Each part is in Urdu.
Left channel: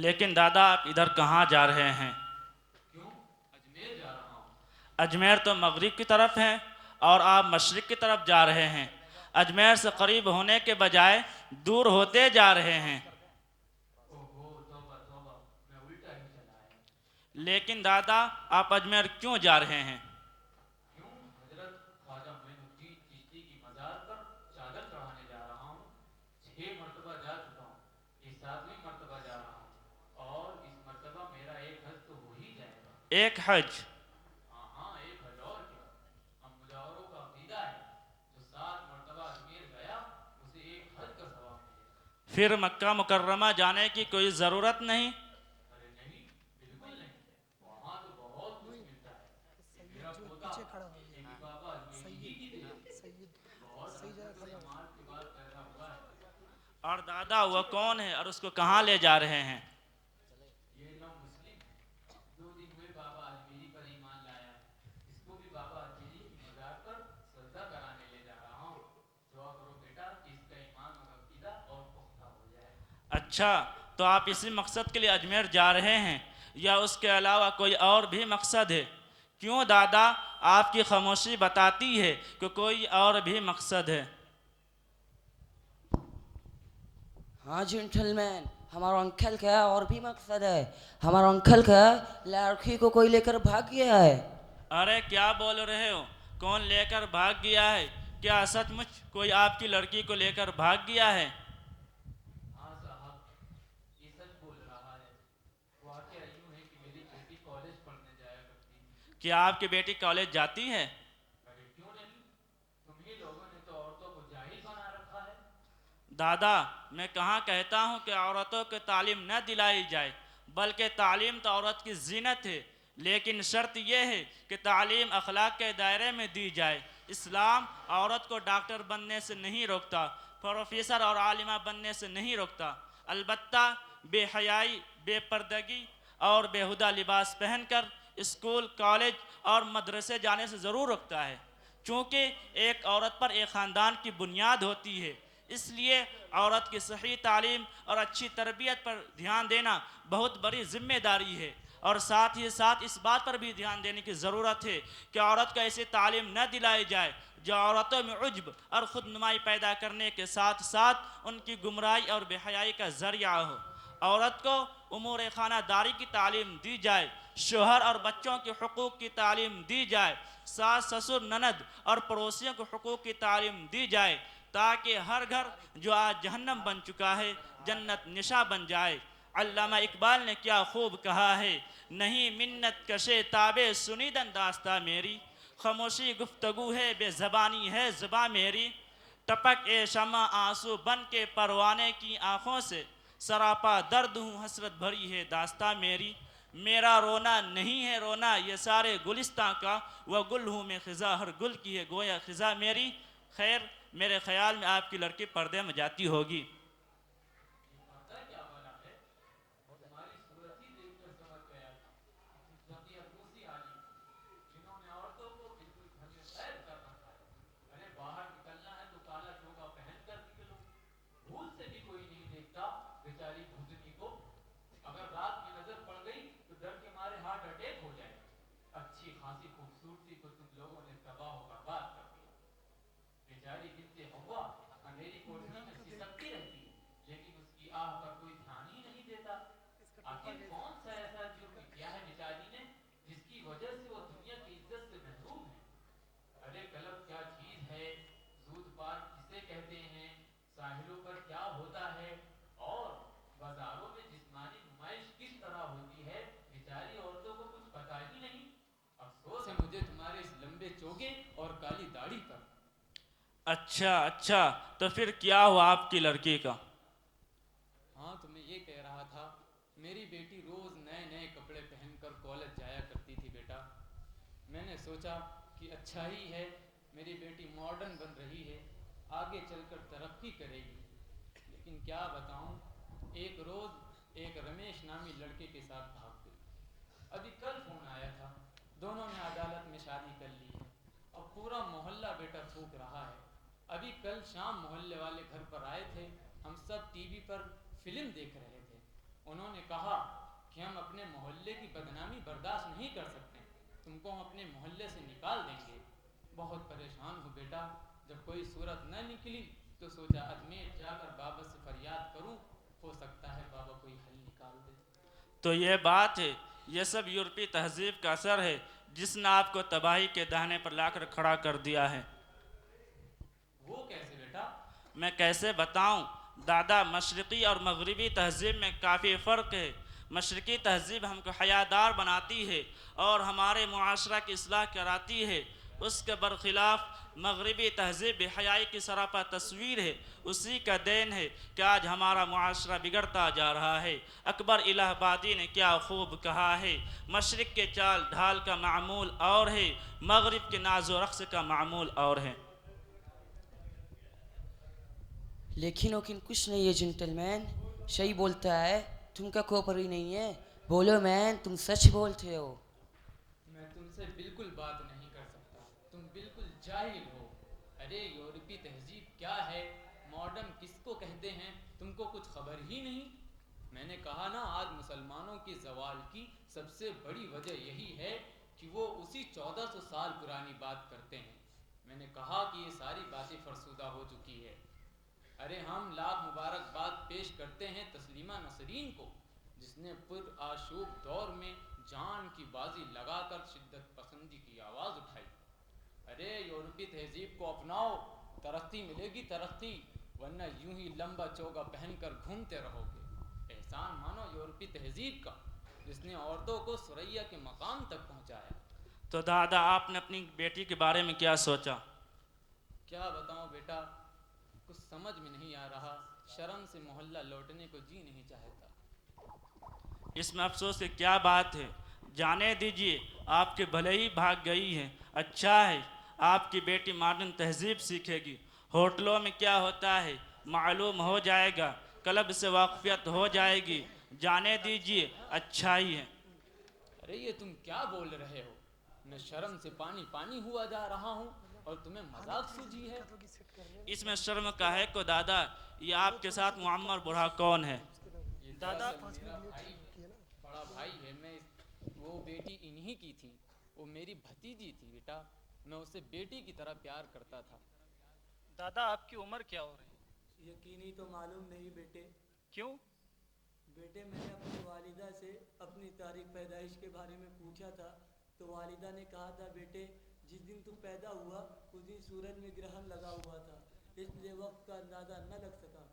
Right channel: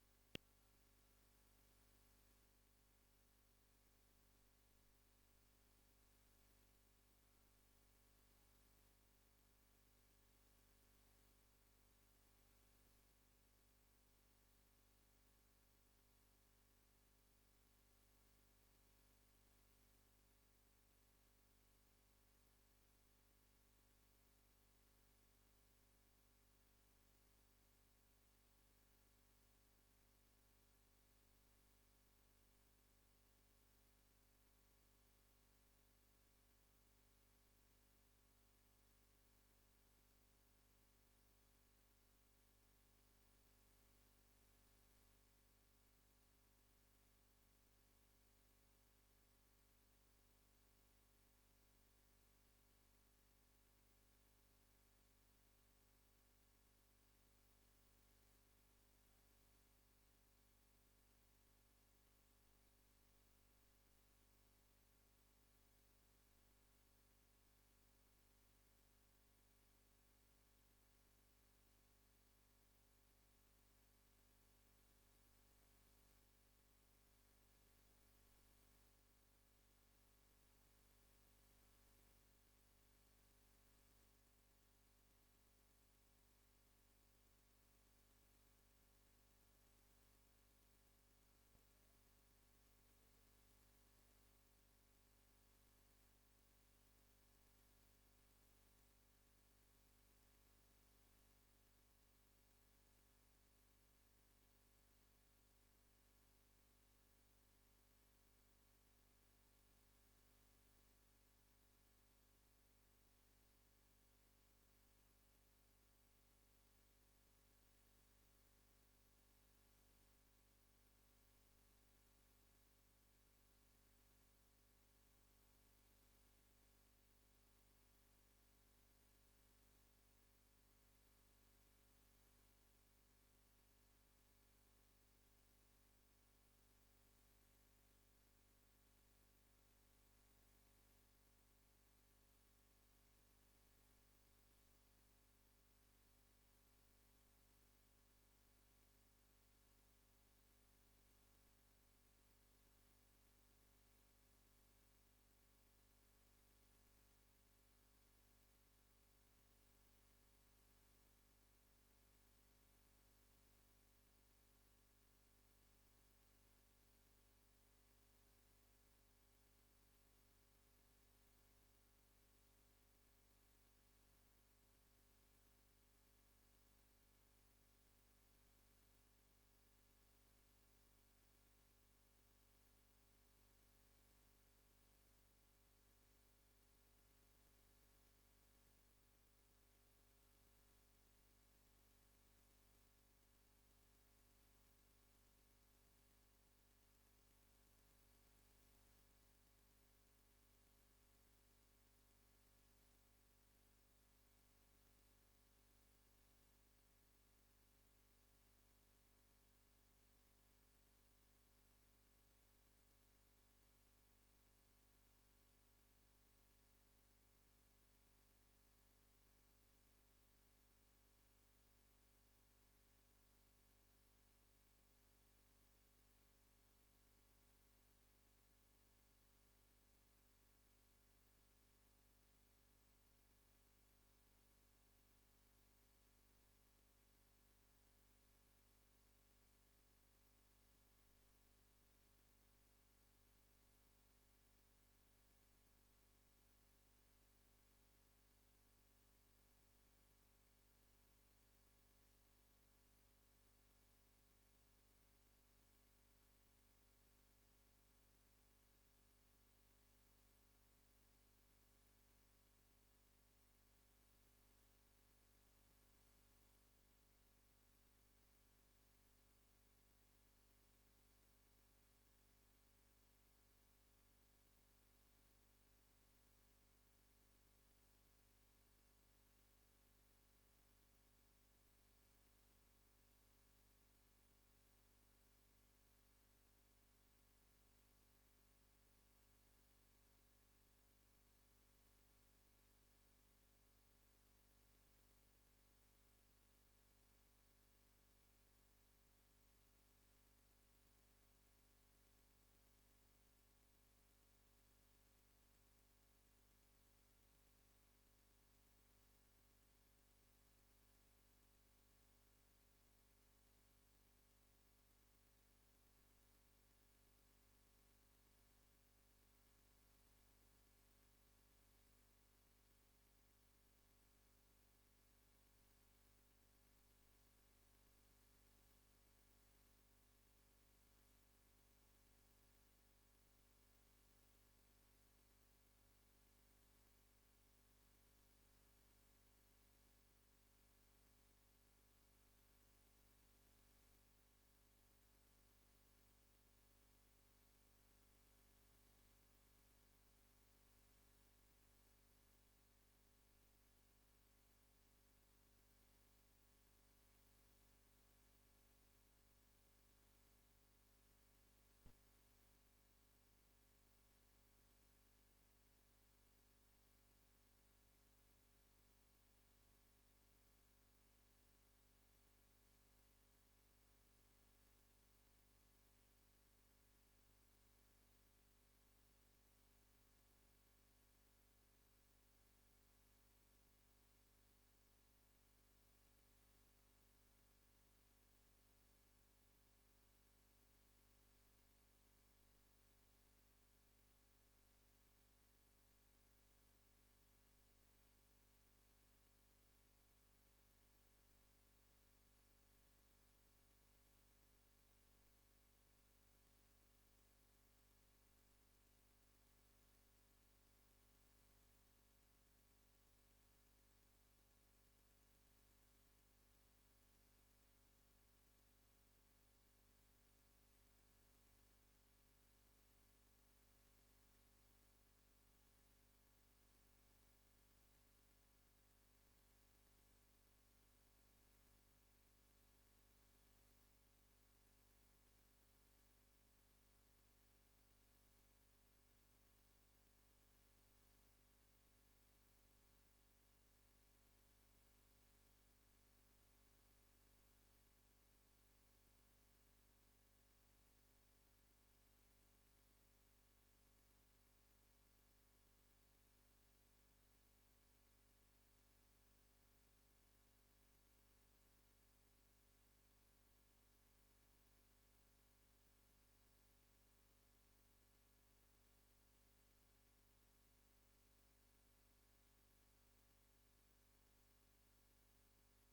لیکن دادا آپ ادھر کہاں جا رہے ہیں؟ کیوں؟ اجمیر جا رہا ہوں۔ اجمیر تو مغرب کی طرف ہے اور آپ مشرق کی طرف جا رہے ہیں۔ اجمیر سے قریب ہونے کے بجائے دور ہوتے جا رہے ہیں۔ اوہو توبہ توبہ، میں الٹا ہی چلا آیا۔ لیکن دادا آپ اجمیر کیوں جا رہے ہیں؟ کیوں؟ حضرت خواجہ معین الدین چشتی کی مزار پر چادر چڑھانے جا رہا ہوں۔ 6 مرتبہ جا چکا ہوں، یہ 7ویں مرتبہ جا رہا ہوں، اور اس مرتبہ میرا ایک حج تو ہو ہی جائے گا۔ ایک حج؟ ہاں ہاں، ایک حج اور کیا۔ ہم مجاوروں کا عقیدہ ہے، جو 7 مرتبہ اجمیر گیا اسے ایک حج کا ثواب ملے گا۔ پھر مکہ مکرمہ جانے کی کوئی ضرورت نہیں؟ ارے نہیں، بالکل نہیں، وہاں تو بہت کچھ ملتا ہے۔ یہ میرا پوتا یہ بھی بابا اجمیری ہی کی دے، بہت حسرت سے مال کے بعد پیدا ہوا ہے۔ اور دادا وہ کون ہے اور اس کو کہاں لے جا رہے ہیں؟ یہ نو مسلم ہے، 2 دن ہوئے بابا اجمیری پر ایمان لایا ہے، اس کو بھی بابا اجمیری کی مزار پر سجدہ کرانے لے جا رہا ہوں۔ دعا کرو بیٹا کہ اس کا ایمان اور عقیدہ اور پختہ ہو جائے۔ اچھا، تو آپ اسی مقصد کے لیے اجمیر جا رہے ہیں یا اس کے علاوہ کوئی اور بھی مقصد ہے؟ کیوں دادا آپ کی خاموشی بتاتی ہے کہ کوئی اور بھی مقصد ہے؟ ہاں جینٹل مین، ہمارا انکل کا اور بھی مقصد ہے۔ ہمارا انکل کا لڑکی کو کوئی لے کر بھاگ گیا ہے۔ ارے کیا بول رہے ہو؟ کون لے کر بھاگ گیا ہے؟ کیا سچ مچ کوئی آپ کی لڑکی کو لے کر بھاگ گیا ہے؟ ہاں صاحب، یہ سچ بول رہا ہے۔ واقعہ یوں ہے کہ میری بیٹی کالج پڑھنے جایا کرتی تھی۔ کیا آپ کی بیٹی کالج جاتی ہے؟ ارے کیوں نہیں، تمہیں لوگوں نے تو عورتوں کو جاہل بنا رکھا ہے۔ دادا میں کہاں کہتا ہوں کہ عورتوں کو تعلیم نہ دلائی جائے، بلکہ تعلیم تو عورت کی زینت ہے، لیکن شرط یہ ہے کہ تعلیم اخلاق کے دائرے میں دی جائے۔ اسلام عورت کو ڈاکٹر بننے سے نہیں روکتا، پروفیسر اور عالمہ بننے سے نہیں روکتا، البتہ بے حیائی، بے پردگی اور بیہودہ لباس پہن کر اسکول، کالج اور مدرسے جانے سے ضرور روکتا ہے، چونکہ ایک عورت پر ایک خاندان کی بنیاد ہوتی ہے۔ اس لیے عورت کی صحیح تعلیم اور اچھی تربیت پر دھیان دینا بہت بڑی ذمہ داری ہے، اور ساتھ ہی ساتھ اس بات پر بھی دھیان دینے کی ضرورت ہے کہ عورت کو ایسی تعلیم نہ دلائی جائے جو عورتوں میں عجب اور خود نمائی پیدا کرنے کے ساتھ ساتھ ان کی گمراہی اور بے حیائی کا ذریعہ ہو۔ عورت کو امور خانہ داری کی تعلیم دی جائے، شوہر اور بچوں کے حقوق کی تعلیم دی جائے، ساس سسر نند اور پڑوسیوں کے حقوق کی تعلیم دی جائے، تاکہ ہر گھر جو آج جہنم بن چکا ہے جنت نشاں بن جائے۔ علامہ اقبال نے کیا خوب کہا ہے، نہیں منت کشے تابِ سنیدن داستہ میری، خاموشی گفتگو ہے بے زبانی ہے زباں میری، ٹپک اے شمع آنسو بن کے پروانے کی آنکھوں سے، سراپا درد ہوں حسرت بھری ہے داستہ میری، میرا رونا نہیں ہے رونا یہ سارے گلستاں کا، وہ گل ہوں میں خزاں ہر گل کی ہے گویا خزاں میری۔ خیر میرے خیال میں آپ کی لڑکی پردے میں جاتی ہوگی۔ یہ پردہ کیا بنا ہے؟ تمہاری صورت ہی دیکھ کر سمجھ گیا تھا کہ تم فقیر موسی عالم ہو، جنہوں نے عورتوں کو بالکل گھر میں قید کر رکھا ہے۔ ارے باہر نکلنا ہے تو کالا چوگا پہن کر نکلو، بھول سے بھی کوئی نہیں دیکھتا بیچاری بھوتنی کو۔ اگر رات میں نظر پڑ گئی تو ڈر کے مارے ہارٹ اٹیک ہو جائے گا۔ اچھی خاصی خوبصورتی کو تم لوگوں نے تباہ و برباد کر دیا۔ بیچاری بنت حوا اندھیری کوٹری میں سسکتی رہتی ہے، لیکن اس کی آہ پر کوئی دھیان ہی نہیں دیتا۔ آخر کون سا ایسا جرم کیا ہے بیچاری نے جس کی وجہ سے وہ دنیا کی عزت سے محروم ہے؟ ارے کلب کیا چیز ہے، زود پارک کسے کہتے ہیں، ساحلوں پر کیا ہوتا ہے، اور بازاروں میں جسمانی نمائش کس طرح ہوتی ہے، بیچاری عورتوں کو کچھ پتہ ہی نہیں۔ افسوس ہے مجھے تمہارے اس لمبے چوگے اور کالی داڑھی پر۔ اچھا اچھا، تو پھر کیا ہوا آپ کی لڑکی کا؟ ہاں تو میں یہ کہہ رہا تھا، میری بیٹی روز نئے نئے کپڑے پہن کر کالج جایا کرتی تھی بیٹا۔ میں نے سوچا کہ اچھا ہی ہے، میری بیٹی ماڈرن بن رہی ہے، آگے چل کر ترقی کرے گی۔ لیکن کیا بتاؤں، ایک روز ایک رمیش نامی لڑکے کے ساتھ بھاگ گئی۔ ابھی کل فون آیا تھا، دونوں نے عدالت میں شادی کر لی ہے۔ اب پورا محلہ بیٹا تھوک رہا ہے۔ ابھی کل شام محلے والے گھر پر آئے تھے، ہم سب ٹی وی پر فلم دیکھ رہے تھے۔ انہوں نے کہا کہ ہم اپنے محلے کی بدنامی برداشت نہیں کر سکتے، تم کو ہم اپنے محلے سے نکال دیں گے۔ بہت پریشان ہوں بیٹا، جب کوئی صورت نہ نکلی تو سوچا اجمیر جا کر بابا سے فریاد کروں، ہو سکتا ہے بابا کوئی حل نکال دے۔ تو یہ بات ہے، یہ سب یورپی تہذیب کا اثر ہے جس نے آپ کو تباہی کے دہانے پر لا کر کھڑا کر دیا ہے۔ وہ کیسے بیٹا؟ میں کیسے بتاؤں دادا، مشرقی اور مغربی تہذیب میں کافی فرق ہے۔ مشرقی تہذیب ہم کو حیادار بناتی ہے اور ہمارے معاشرہ کی اصلاح کراتی ہے، اس کے برخلاف مغربی تہذیب بے حیائی کی سراپا تصویر ہے۔ اسی کا دین ہے کہ آج ہمارا معاشرہ بگڑتا جا رہا ہے۔ اکبر الہ آبادی نے کیا خوب کہا ہے، مشرق کے چال ڈھال کا معمول اور ہے، مغرب کے ناز و رقص کا معمول اور ہے۔ لیکن کچھ نہیں ہے جنٹل مین، صحیح بولتا ہے، تم کا کوپر ہی نہیں ہے، بولو مین، تم سچ بولتے ہو۔ میں تم سے بالکل بات نہیں کر سکتا، تم بالکل جاہل ہو۔ ارے یورپی تہذیب کیا ہے، ماڈرن کس کو کہتے ہیں، تم کو کچھ خبر ہی نہیں۔ میں نے کہا نا، آج مسلمانوں کی زوال کی سب سے بڑی وجہ یہی ہے کہ وہ اسی 1400 سال پرانی بات کرتے ہیں۔ میں نے کہا کہ یہ ساری باتیں فرسودہ ہو چکی ہے۔ ارے ہم لاکھ مبارکباد پیش کرتے ہیں تسلیمہ نسرین کو، جس نے پر آشوب دور میں جان کی بازی لگا کر شدت پسندی کی آواز اٹھائی۔ ارے یورپی تہذیب کو اپناؤ، ترقی ملے گی ترقی، ورنہ یوں ہی لمبا چوگا پہن کر گھومتے رہو گے۔ احسان مانو یورپی تہذیب کا، جس نے عورتوں کو ثریا کے مقام تک پہنچایا۔ تو دادا، آپ نے اپنی بیٹی کے بارے میں کیا سوچا؟ کیا بتاؤں بیٹا، کچھ سمجھ میں نہیں آ رہا، شرم سے محلہ لوٹنے کو جی نہیں چاہتا۔ اس میں افسوس کی کیا بات ہے، جانے دیجیے، آپ کے بھلے ہی بھاگ گئی ہے، اچھا ہے، آپ کی بیٹی ماڈرن تہذیب سیکھے گی، ہوٹلوں میں کیا ہوتا ہے معلوم ہو جائے گا، کلب سے واقفیت ہو جائے گی، جانے دیجیے، اچھا ہی ہے۔ ارے یہ تم کیا بول رہے ہو، میں شرم سے پانی پانی ہوا جا رہا ہوں اور تمہیں مذاق سوجی ہے۔ اس میں شرم کا ہے کو دادا، یہ آپ کے ساتھ معمر بوڑھا کون ہے؟ یہ دادا میرا بھائی، بڑا بھائی ہے، وہ بیٹی انہی کی تھی، وہ میری بھتیجی تھی بیٹا، میں اسے بیٹی کی طرح پیار کرتا تھا۔ دادا آپ کی عمر کیا ہو رہی ہے؟ یقینی تو معلوم نہیں بیٹے۔ کیوں؟ بیٹے میں نے اپنی والدہ سے اپنی تاریخ پیدائش کے بارے میں پوچھا تھا تو والدہ نے کہا تھا بیٹے جس دن تم پیدا ہوا اس دن سورج میں گرہن لگا ہوا تھا، اس لیے وقت کا اندازہ نہ لگ سکا۔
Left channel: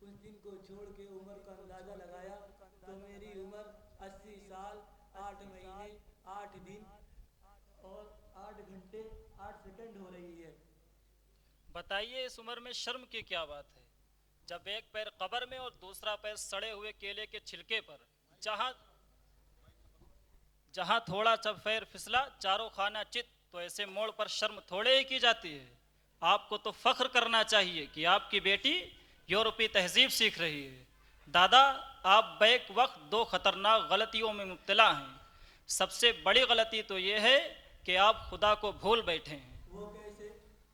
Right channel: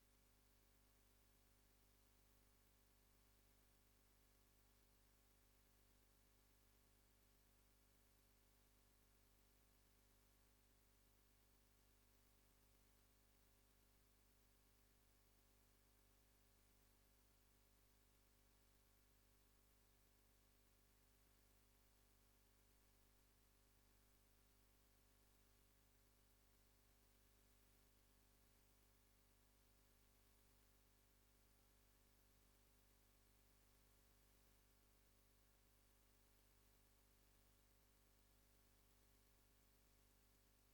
اس دن کو چھوڑ کے عمر کا اندازہ لگایا تو میری عمر 80 سال 8 مہینے 8 دن اور 8 گھنٹے 8 سیکنڈ ہو رہی ہے۔ بتائیے اس عمر میں شرم کی کیا بات ہے، جب ایک پیر قبر میں اور دوسرا پیر سڑے ہوئے کیلے کے چھلکے پر، جہاں تھوڑا سا پیر پھسلا چاروں خانہ چت، تو ایسے موڑ پر شرم تھوڑے ہی کی جاتی ہے۔ آپ کو تو فخر کرنا چاہیے کہ آپ کی بیٹی یورپی تہذیب سیکھ رہی ہے۔ دادا، آپ بیک وقت 2 خطرناک غلطیوں میں مبتلا ہیں۔ سب سے بڑی غلطی تو یہ ہے کہ آپ خدا کو بھول بیٹھے ہیں۔ وہ کیسے؟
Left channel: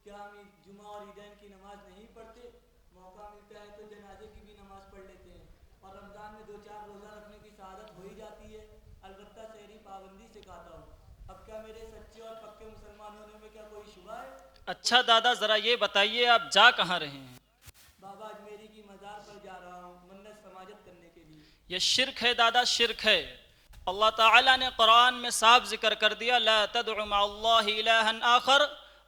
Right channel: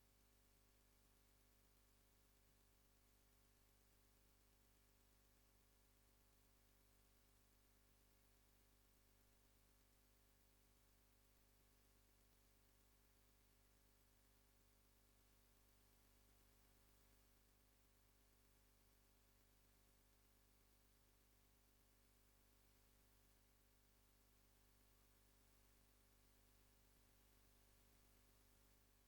کیا ہم جمعہ اور عیدین کی نماز نہیں پڑھتے؟ موقع ملتا ہے تو جنازے کی بھی نماز پڑھ لیتے ہیں، اور رمضان میں 2-4 روزہ رکھنے کی سعادت ہو ہی جاتی ہے۔ البتہ سحری پابندی سے کھاتا ہوں۔ اب کیا میرے سچے اور پکے مسلمان ہونے میں کیا کوئی شبہ ہے؟ اچھا دادا، ذرا یہ بتائیے آپ جا کہاں رہے ہیں؟ بابا اجمیری کی مزار پر جا رہا ہوں منت سماجت کرنے کے لیے۔ یہ شرک ہے دادا، شرک ہے۔ اللہ تعالیٰ نے قرآن میں صاف ذکر کر دیا، لا تدع مع اللہ الہا آخر،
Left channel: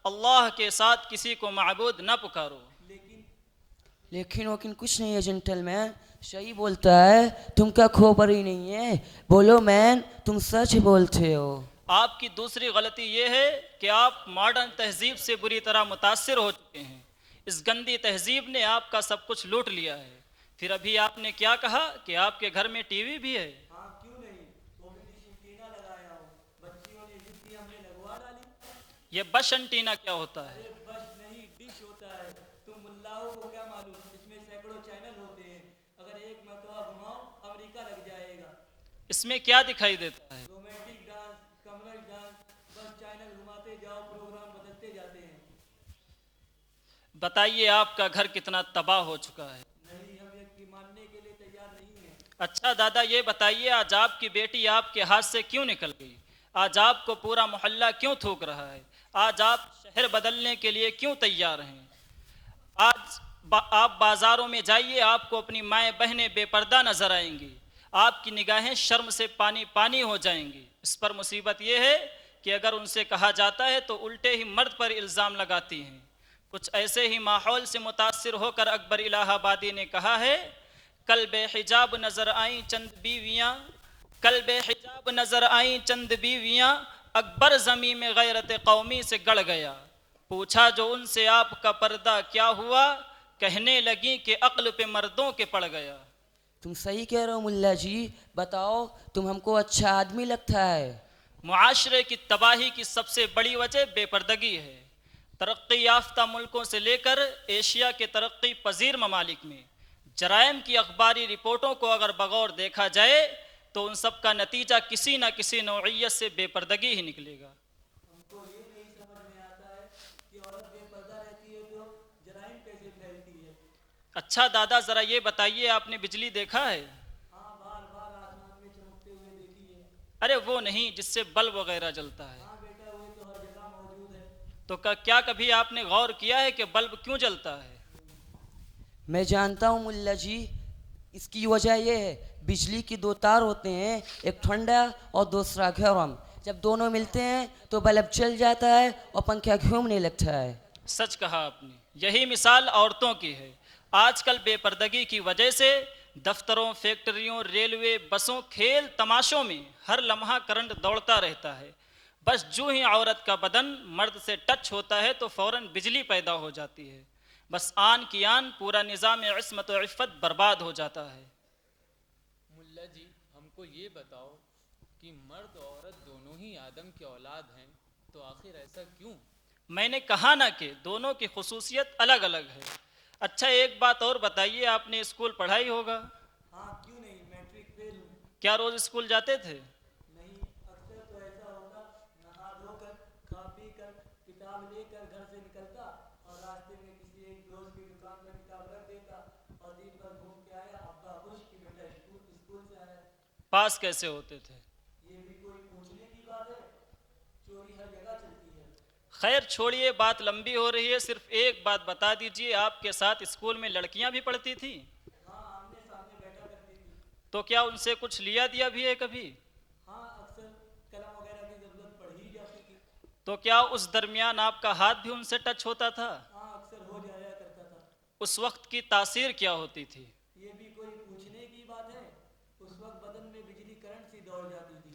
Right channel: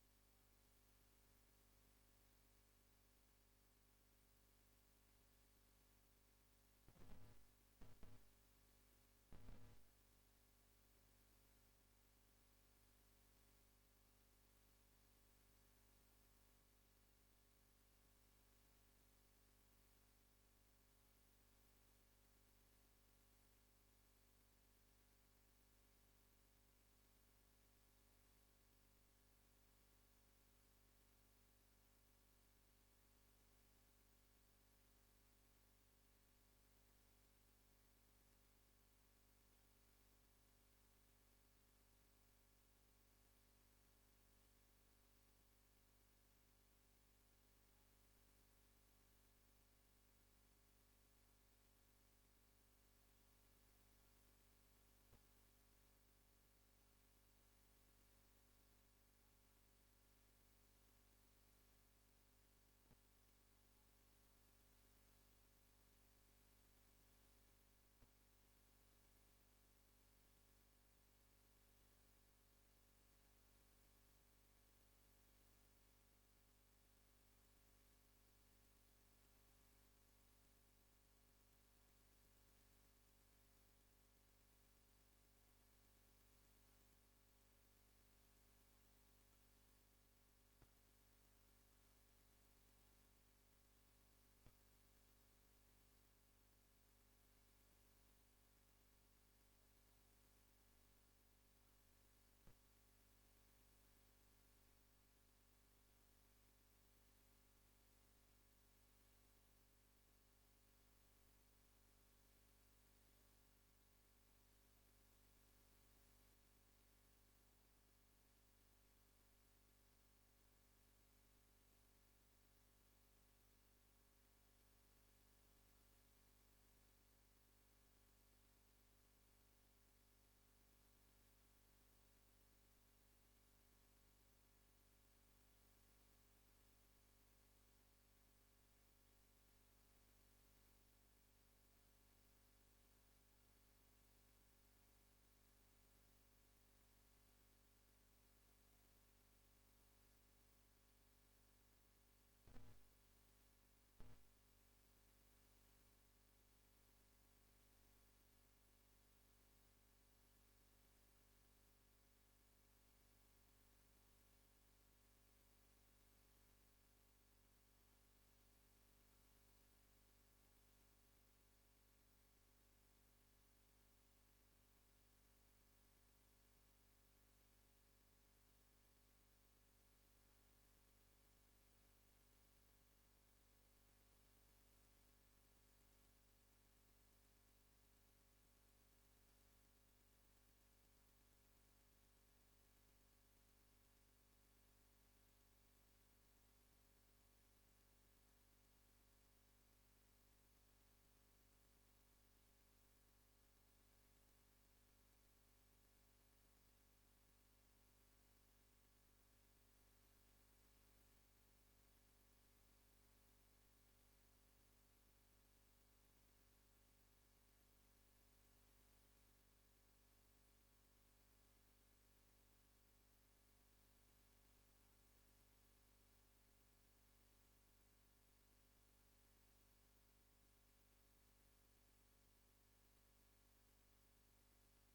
اللہ کے ساتھ کسی کو معبود نہ پکارو۔ لیکن کچھ نہیں ہے جنٹل مین، صحیح بولتا ہے، تم کا کھوپر ہی نہیں ہے، بولو مین، تم سچ بولتے ہو۔ آپ کی دوسری غلطی یہ ہے کہ آپ ماڈرن تہذیب سے بری طرح متاثر ہو چکے ہیں۔ اس گندی تہذیب نے آپ کا سب کچھ لوٹ لیا ہے۔ پھر ابھی آپ نے کیا کہا کہ آپ کے گھر میں ٹی وی بھی ہے؟ ہاں کیوں نہیں، وہ بھی ڈش اینٹینا لگایا ہوں، بچیوں نے ضد کی ہم نے لگوا ڈالی۔ یہ بش انٹینا کیا ہوتا ہے؟ ارے بش نہیں، ڈش ہوتا ہے، تم ملاؤں کو کیا معلوم، اس میں سینکڑوں چینل ہوتے ہیں، اگر ایک مرتبہ گھماؤ امریکہ لگ جائے گا۔ اس میں کیا دکھائی دیتا ہے؟ رومانٹک ڈانس، کمرل ڈانس، بس چینل گھماتے جاؤ پروگرام بدلتے جاتے ہیں۔ بتائیے آپ کا گھر کتنا تباہ ہو چکا ہے۔ نہیں، ہم یہ ماننے کے لیے تیار نہیں ہیں۔ اچھا دادا یہ بتائیے آج آپ کی بیٹی آپ کے ہاتھ سے کیوں نکل گئی؟ آج آپ کو پورا محلہ کیوں تھوک رہا ہے؟ آج آپ شہر بدلنے کے لیے کیوں تیار ہیں؟ آج آپ بازاروں میں جائیے، آپ کو اپنی مائیں بہنیں بے پردہ نظر آئیں گی، آپ کی نگاہیں شرم سے پانی پانی ہو جائیں گی۔ اس پر مصیبت یہ ہے کہ اگر ان سے کہا جاتا ہے تو الٹے ہی مرد پر الزام لگاتی ہیں۔ کچھ ایسے ہی ماحول سے متاثر ہو کر اکبر الہ آبادی نے کہا ہے، کل بے حجاب نظر آئیں چند بیویاں، کل بے حجاب نظر آئیں چند بیویاں، اکبر زمیں میں غیرت قومی سے گڑ گیا۔ پوچھا جو ان سے آپ کا پردہ کیا ہوا، کہنے لگیں کہ عقل پہ مردوں کے پڑ گیا۔ تم صحیح کہہ رہے ہو ملا جی، بتاؤ تم ہم کو اچھا آدمی لگتا ہے۔ معاشرے کی تباہی کی سب سے بڑی وجہ بے پردگی ہے۔ ترقی یافتہ ملکوں سے لے کر ایشیا کے ترقی پذیر ممالک میں جرائم کی اخباری رپورٹوں کو اگر بغور دیکھا جائے تو ان سب کا نتیجہ کسی نہ کسی نوعیت سے بے پردگی ہی نکلے گا۔ ہم کو یہ نہیں سمجھ میں آتا ہے کہ عورت بے پردہ رہتی ہے تو جرائم کیسے پھیلتی ہے؟ اچھا دادا ذرا یہ بتائیے آپ نے بجلی دیکھا ہے؟ ہاں، بار بار آسمان میں چمکتے ہوئے دیکھی ہے۔ ارے وہ نہیں جس سے بلب وغیرہ جلتا ہے۔ ہاں بیٹا، وہ تو ہر جگہ موجود ہے۔ تو کیا کبھی آپ نے غور کیا ہے کہ بلب کیوں جلتا ہے؟ میں جانتا ہوں ملا جی، اس کی وجہ یہ ہے، بجلی کی دو تار ہوتے ہیں، ایک ٹھنڈا اور دوسرا گرم، جب دونوں ملتے ہیں تو بلب چل جاتا ہے اور پنکھا گھومنے لگتا ہے۔ سچ کہا آپ نے، یہی مثال عورتوں کی ہے۔ آج کل بے پردگی کی وجہ سے دفتروں، فیکٹریوں، ریلوے، بسوں، کھیل تماشوں میں ہر لمحہ کرنٹ دوڑتا رہتا ہے۔ بس جو ہی عورت کا بدن مرد سے ٹچ ہوتا ہے تو فوراً بجلی پیدا ہو جاتی ہے۔ بس آن کی آن پورا نظام عصمت و عفت برباد ہو جاتا ہے۔ ملا جی ہم کو یہ بتاؤ کہ مرد اور عورت دونوں ہی آدم کے اولاد ہیں، تو آخر ایسا کیوں؟ میں نے کہا نا کہ دونوں کی خصوصیت الگ الگ ہے۔ اچھا ایک بات اور بتائیے، آپ نے اسکول پڑھائی ہوگا، ہاں کیوں نہیں، میٹرک فیل ہوں۔ کیا روز اسکول جاتے تھے؟ نہیں، اکثر تو ایسا ہوتا نہا دھو کر کھا پی کر کتاب لے کر گھر سے نکلتا اور راستے میں کسی ایک دوست کی دکان پر کتاب رکھ دیتا اور دن بھر گھوم کے آیا، ابا خوش کہ بیٹا اسکول سے آیا۔ پاس کیسے ہوتے تھے؟ یہ بھی کوئی پوچھنے کی بات ہے؟ چوری ہر جگہ چلتی ہے۔ خیر چھوڑیے، بات لمبی ہو رہی ہے، صرف ایک بات بتا دیجئے، آپ کے ساتھ اسکول میں لڑکیاں بھی پڑھتی تھیں؟ ہاں، آمنے سامنے بیٹھا کرتی تھی۔ تو کیا ان سے کچھ لیا دیا بھی ہے کبھی؟ ہاں، اکثر قلم وغیرہ کی ضرورت پڑ ہی جاتی تھی۔ تو کیا اس درمیان آپ کا ہاتھ بھی ان سے ٹچ ہوتا تھا؟ ہاں، اکثر ہو جایا کرتا تھا۔ اس وقت کی تاثیر کیا ہوتی تھی؟ یہ بھی کوئی پوچھنے کی بات ہے؟ اس وقت بدن میں بجلی کرنٹ سی دوڑ جاتی تھی۔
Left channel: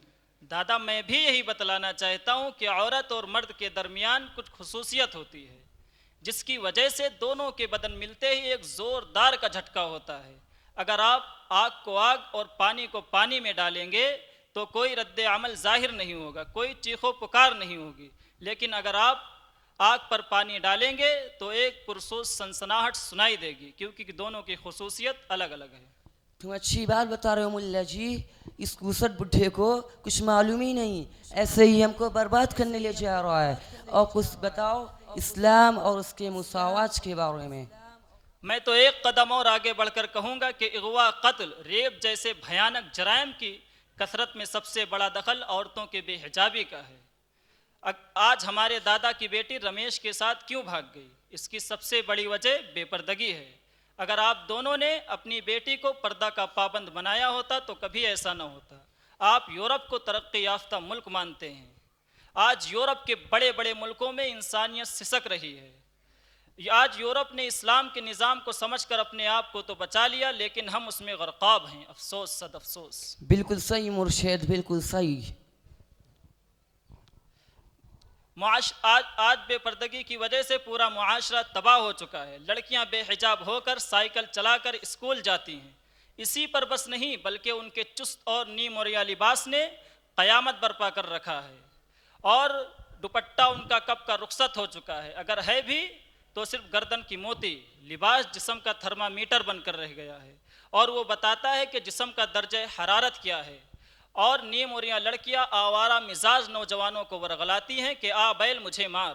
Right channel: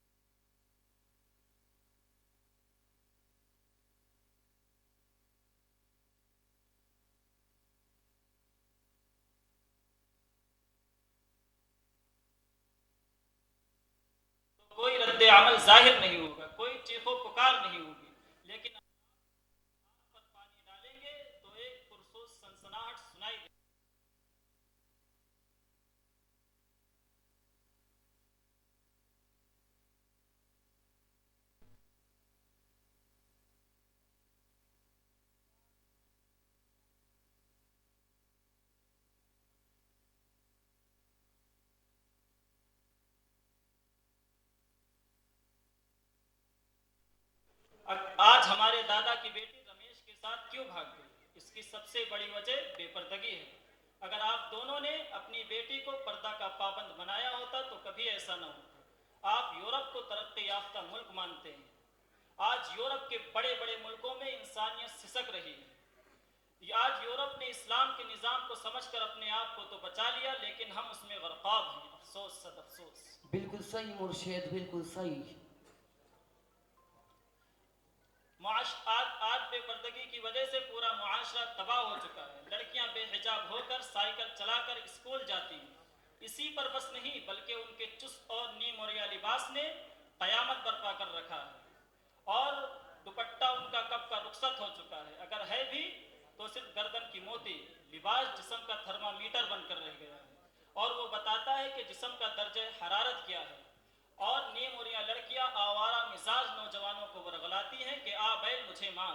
دادا میں بھی یہی بتلانا چاہتا ہوں کہ عورت اور مرد کے درمیان کچھ خصوصیت ہوتی ہے جس کی وجہ سے دونوں کے بدن ملتے ہی ایک زوردار کا جھٹکا ہوتا ہے۔ اگر آپ آگ کو آگ اور پانی کو پانی میں ڈالیں گے تو کوئی رد عمل ظاہر نہیں ہوگا، کوئی چیخو پکار نہیں ہوگی، لیکن اگر آپ آگ پر پانی ڈالیں گے تو ایک پرسوز سنسناہٹ سنائی دے گی، کیونکہ دونوں کی خصوصیت الگ الگ ہے۔ تم اچھی بات بتا رہے ہو ملا جی، اس کوسٹ بڈھے کو کچھ معلوم ہی نہیں، ایسے ہی ہم کو برباد کرنے لے جا رہا ہے۔ اور کچھ بتاؤ اسلام اور اس کے مساوات کے بارے میں۔ میں تو ایک قدم اور آگے بڑھ کر کہوں گا کہ اغوا، قتل، ریپ جیسے بھیانک جرائم کی کثرت میں سب سے بڑا دخل عورتوں کے بے حجابی کا ہے۔ آج ہمارے دادا کی بیٹی رمیش کے ساتھ کیوں بھاگ گئی؟ اس کی سب سے بڑی وجہ بے پردگی ہے۔ اگر آپ دونوں نے اپنی بیٹی کو پردہ کا پابند بنایا ہوتا تو کبھی ایسا نہ ہوتا۔ آپ یورپ کو ترقی یافتہ ملک مانتے ہیں، آج یورپ کے بڑے بڑے ملکوں میں انسانیت سسک رہی ہے۔ آج یورپ نے اسلام کے نظام کو سمجھ کر اپنے آپ کو تو بچا لیا، لیکن ہم اس میں غرقاب ہیں، افسوس صد افسوس۔ بالکل صحیح مرشد، بالکل صحیح۔ آج بے پردگی کی وجہ سے پورا معاشرہ تباہ ہو چکا ہے۔ لڑکیاں بے حجاب ہو کر سائیکل چلا کر اسکول جاتی ہیں۔ اسی پر بس نہیں بلکہ ان کے چست اور نیم اوریا لباس نے قیامت برپا کر رکھا ہے، اور دوپٹہ ان کا کب کا رخصت ہو چکا ہے، اگر ہے بھی تو صرف گردن کی موتی۔ لباس جسم کا تھرمامیٹر بن کر رہ گیا ہے اور وہ بتاتا ہے کہ جسم کا درجہ حرارت کیا ہے، اور نیم اوریا لڑکیاں آوارہ مزاج نوجوانوں کو ورغلاتی ہیں کہ آ بیل مجھے مار۔